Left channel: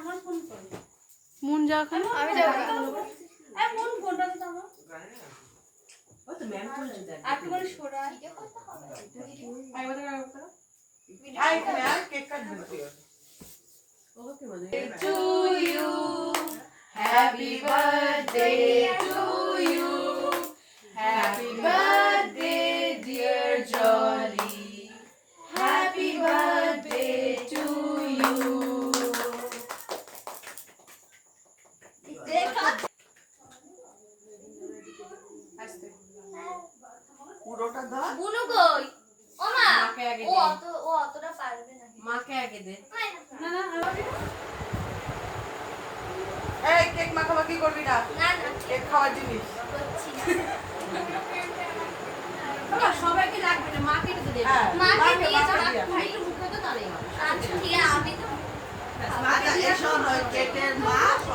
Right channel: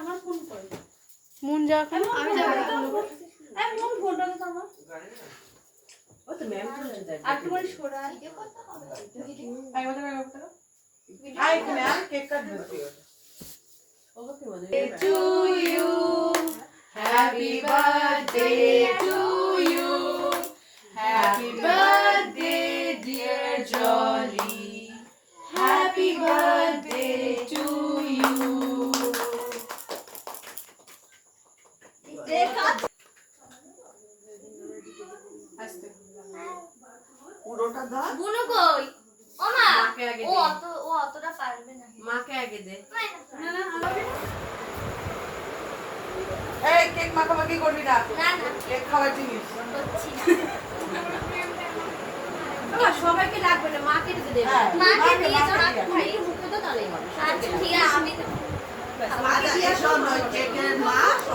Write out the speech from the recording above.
আমার ফোন কই মন যা কেন আমি যাব এই ফোন ফোনটা তো আমার ও তো ম্যাম বলছে দেখ আর তোমার সরা আই ওটা আই এখানে আর কেক কাটবে ওকে বলে to you happy birthday to you happy birthday dear Jolly happy birthday to you পুরোটা দাও বুনু কই ও মা মাকে আগে ও দে অতটা পারবে না মাকে আগে দে না না আরো এই কেক মাখামাখি করবি না না না কেক খাওয়ার জিনিস করছি না বাবা সবাইকে লাগবে না মাকে দিতে দেবে হ্যাঁ মাকে দিয়ে তুমি একটু মুখে দাও তাহলেই হবে আচ্ছা ঠিক আছে আমি তো মা এসব নয় কেকের মা